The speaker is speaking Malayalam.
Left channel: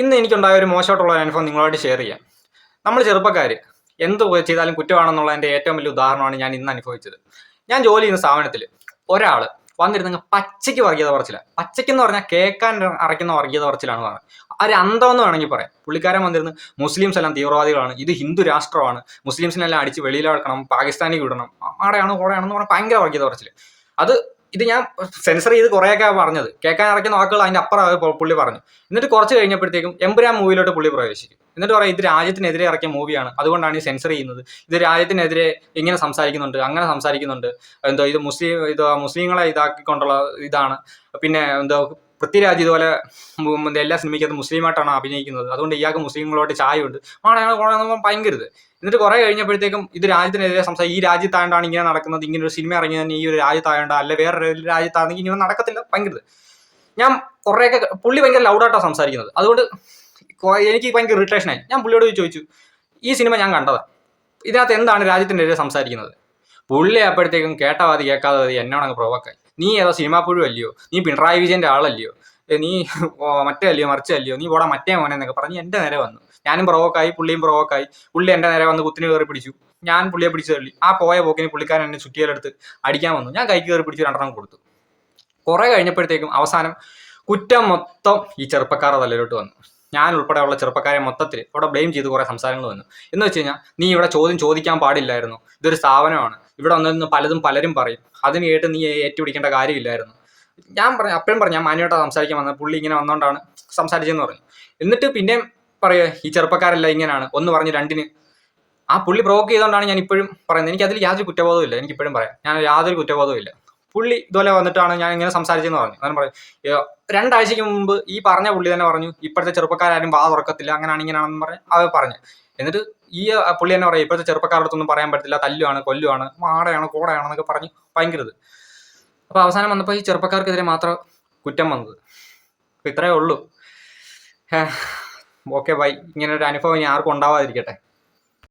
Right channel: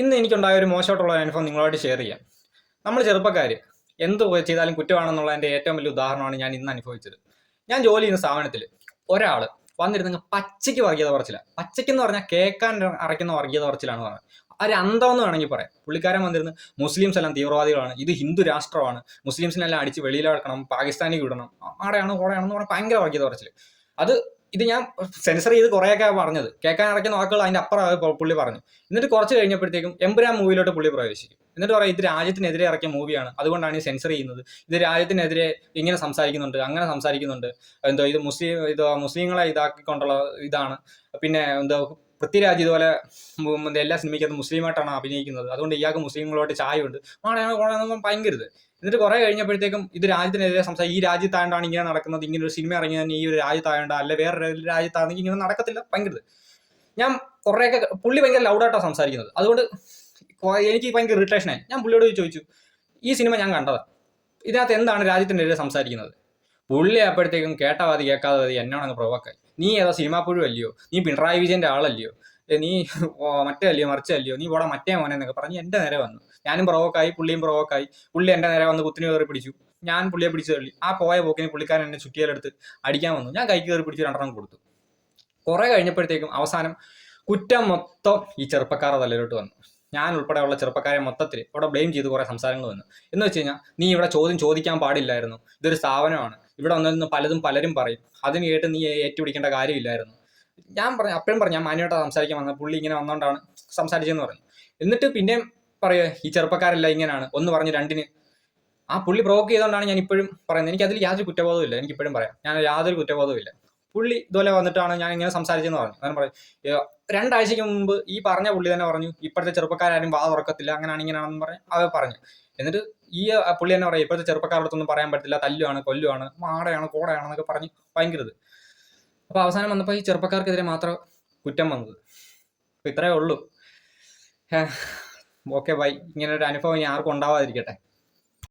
ഇന്ന് എനിക്കുണ്ടായ ഒരു മോശമായിട്ടുള്ള ഒരു അനുഭവം നിങ്ങളോട് ഷെയർ ചെയ്യാം. നമ്മൾ ചെറുപ്പക്കാർ എന്ത് ചെയ്താലും കുറ്റമാണെന്നുള്ളതിൻ്റെ ഏറ്റവും വലിയ ഉദാഹരണമാണ് ഞാൻ ഇന്ന് അനുഭവിച്ചത്. ഞാൻ ജോലി ചെയ്യുന്ന സ്ഥാപനത്തിൽ ഒരാൾ വന്നിരുന്ന പച്ചയ്ക്ക് വർഗീയത പറച്ചില്ല. പച്ചയ്ക്കെന്ന് പറഞ്ഞാൽ കേൾക്കാൻ അറയ്ക്കുന്ന വർഗീയത പറച്ചിലാണ് പറഞ്ഞത്. ഒരു അന്തമെന്ന് വേണമെങ്കിൽ പറയാം. പുള്ളിക്കാരൻ വന്നിരുന്ന് മുസ്ലിംസ് എല്ലാം തീവ്രവാദികളാണ്, ഇത് ഹിന്ദു രാഷ്ട്രമാണ്, മുസ്ലിംസിനെല്ലാം അടിച്ച് വെളിയിലാക്കണം, പാകിസ്ഥാനിൽ വിടണം, ആടെയാണ് കൂടെയാണെന്ന് പറഞ്ഞാൽ ഭയങ്കര വർഗീയത പറച്ചിൽ. അത് ഇത് ഞാൻ സെൻസർ ചെയ്ത് കുറേയൊക്കെ പറഞ്ഞത്, കേൾക്കാൻ അറയ്ക്കുന്ന വാക്കുകൾ അതിൻ്റെ അപ്പുറം പുള്ളി പറഞ്ഞു. എന്നിട്ട് കുറച്ച് കഴിഞ്ഞപ്പോഴത്തേക്കും എമ്പുരാൻ മൂവിയിലോട്ട് പുള്ളി പ്രവേശിക്കും. എന്നിട്ട് പറയാം, ഇത് രാജ്യത്തിനെതിരെ ഇറക്കിയ മൂവിയാണ്, അതുകൊണ്ടാണ് ഈ സെൻസർ ചെയ്യുന്നത്, ഇത് രാജ്യത്തിനെതിരെ ഇങ്ങനെ സംസാരിക്കുന്നുണ്ട്, അങ്ങനെ സംസാരിക്കുന്നുണ്ട്, എന്തോ ഇത് മുസ്ലിങ്ങളെ ഇതാക്കിക്കൊണ്ടുള്ള ഇതാണ്, പിന്നെ എന്തോ പൃഥ്വിരാജ് ഇതുപോലെ എല്ലാ സിനിമയ്ക്കകത്ത് മുസ്ലിമായിട്ടാണ് അഭിനയിക്കുന്നത്, അതുകൊണ്ട് ഇയാൾക്ക് മുസ്ലിങ്ങളോട്ട് ചായയുണ്ട്, ഭയങ്കരത്. എന്നിട്ട് കുറെ കഴിഞ്ഞപ്പോഴത്തേക്കും ഇത് രാജ്യത്തിനെതിരെ ഈ രാജ്യത്തായോണ്ടാണ് ഇങ്ങനെ നടക്കുന്നത്, ഇങ്ങനെ ഒരു സിനിമ ഇറങ്ങിയതിന് ഈ ഒരു രാജ്യത്തായോണ്ട്, അല്ലെ വേറെ രാജ്യത്താണെങ്കിൽ ഇങ്ങനെ നടക്കത്തില്ല, ഭയങ്കരത്. ഞാൻ കുറേയൊക്കെ പുള്ളി ഭയങ്കര ലൗഡായിട്ടാണ് സംസാരിക്കുന്നത്, അതുകൊണ്ട് എനിക്ക് ഭയങ്കര ഇറിറ്റേഷനായി. ഞാൻ പുള്ളിയോട് ചോദിച്ചു, ഈ സിനിമ ഞാൻ കണ്ടതാണ്, ഇതിനകത്ത് എന്താണ് രാജ്യത്തിനെതിരെ സംസാരിക്കുന്നത്? പുള്ളി അപ്പോഴത്തേക്കും കേട്ടവാതി കേൾക്കാതെ എന്നോടങ്ങ് പ്രൊവോക്കായി. നീ ഏതോ സിനിമാ പുഴു അല്ലയോ, നീ പിണറായി വിജയന്റെ ആളല്ലയോ, നീ മറ്റേ അല്ലയോ മറിച്ചല്ലയോ, നീ ഓടാ മറ്റേ മോനെ എന്നൊക്കെ പറഞ്ഞ് എൻ്റെ നേരെ വന്നു. ഞാനും പ്രൊവോക്കായി, പുള്ളിയും പ്രൊവോക്കായി. പുള്ളി എൻ്റെ നേരെ വന്ന് കുത്തിന് കയറി പിടിച്ചു. ഞാൻ പുള്ളിയെ പിടിച്ചു തള്ളി. ആ പോയ പോക്കിന് പുള്ളിക്കാരൻ എന്നെ ചുറ്റിയിലെടുത്ത് അടിക്കാൻ വന്നു. ഞാൻ കൈക്ക് കയറി പിടിച്ച് 2 കൊടുത്തു. കുറെ കഴിഞ്ഞപ്പോഴത്തേക്കും അവസാനം കുറ്റം മൊത്തം ഈ ചെറുപ്പക്കാരുടെ തലയിലോട്ട് വന്നു. ഞാൻ ഉൾപ്പെടെയുള്ള ചെറുപ്പക്കാരെ മൊത്തത്തിൽ അവിടെ ബ്ലെയിം ചെയ്ത് കുറേ സംസാരങ്ങൾ വന്നു. എന്ന് വെച്ച് കഴിഞ്ഞാൽ, നീ ഇവിടെ ചോദ്യം ചോദിക്കാൻ പാടില്ലായിരുന്നു, ഇതൊരു സ്ഥാപനമാണ്, ഇവിടെ വന്നിരുന്ന് പലരും പറയും, അതിന് കേട്ട് നീ ഏറ്റുപിടിക്കേണ്ട കാര്യമില്ലായിരുന്നു. ഞാൻ പറഞ്ഞു, അപ്പോഴും പറഞ്ഞു, ഞാൻ മാന്യമായിട്ടാണ് സംസാരിക്കാൻ വന്നത്, പുള്ളി ഇങ്ങനെ വന്നുകൊണ്ടാണ് സംസാരിച്ചതെന്ന് പറഞ്ഞു. എന്നിട്ട് പിന്നെയും പറയുക, ഈ ചെറുപ്പക്കാരെല്ലാം ഇങ്ങനെയാണ്, ഒന്ന് പറഞ്ഞ് രണ്ടിന്. ആ പുള്ളി പ്രൊവോക്ക് ചെയ്തുകൊണ്ടാണ് ഞാൻ ഇപ്പോഴും പറയുന്നത്. എനിക്ക് അതിൽ യാതൊരു കുറ്റബോധവും ഇല്ല. എനിക്ക് ഇപ്പോഴും പറയാം, ഞാൻ യാതൊരു കുറ്റബോധവും ഇല്ല. പുള്ളി ഇതുപോലെ വന്നിട്ടാണ് ഞാൻ ഇങ്ങനെ സംസാരിച്ചെന്ന് പറഞ്ഞു. ഞാൻ പറയും, 2 ആഴ്ചയ്ക്ക് മുമ്പ് ഈ പറഞ്ഞ പുള്ളി തന്നെ പറഞ്ഞു, ഇപ്പോഴത്തെ ചെറുപ്പക്കാരും വാ തുറക്കത്തില്ല, അങ്ങനെയാണ് ഇങ്ങനെയാണെന്ന് പറഞ്ഞ് അവർ പറഞ്ഞു. എന്നിട്ട് ഈ പുള്ളി തന്നെ പറയും, ഇപ്പോഴത്തെ ചെറുപ്പക്കാരുടെ അടുത്തൊന്നും പറയാൻ പറ്റില്ല, തല്ലുവാണ്, കൊല്ലുവാണ്, മാടയാണ്, കോടയാണെന്നൊക്കെ പറഞ്ഞ് ഭയങ്കരത്. അപ്പോൾ അവസാനം വന്നപ്പോൾ ഈ ചെറുപ്പക്കാർക്കെതിരെ മാത്രം കുറ്റം വന്നത്. അപ്പോൾ ഇത്രയേ ഉള്ളൂ. Okay bye. ഇങ്ങനെ ഒരു അനുഭവം ഇനി ആർക്കും ഉണ്ടാവാതിരിക്കട്ടെ.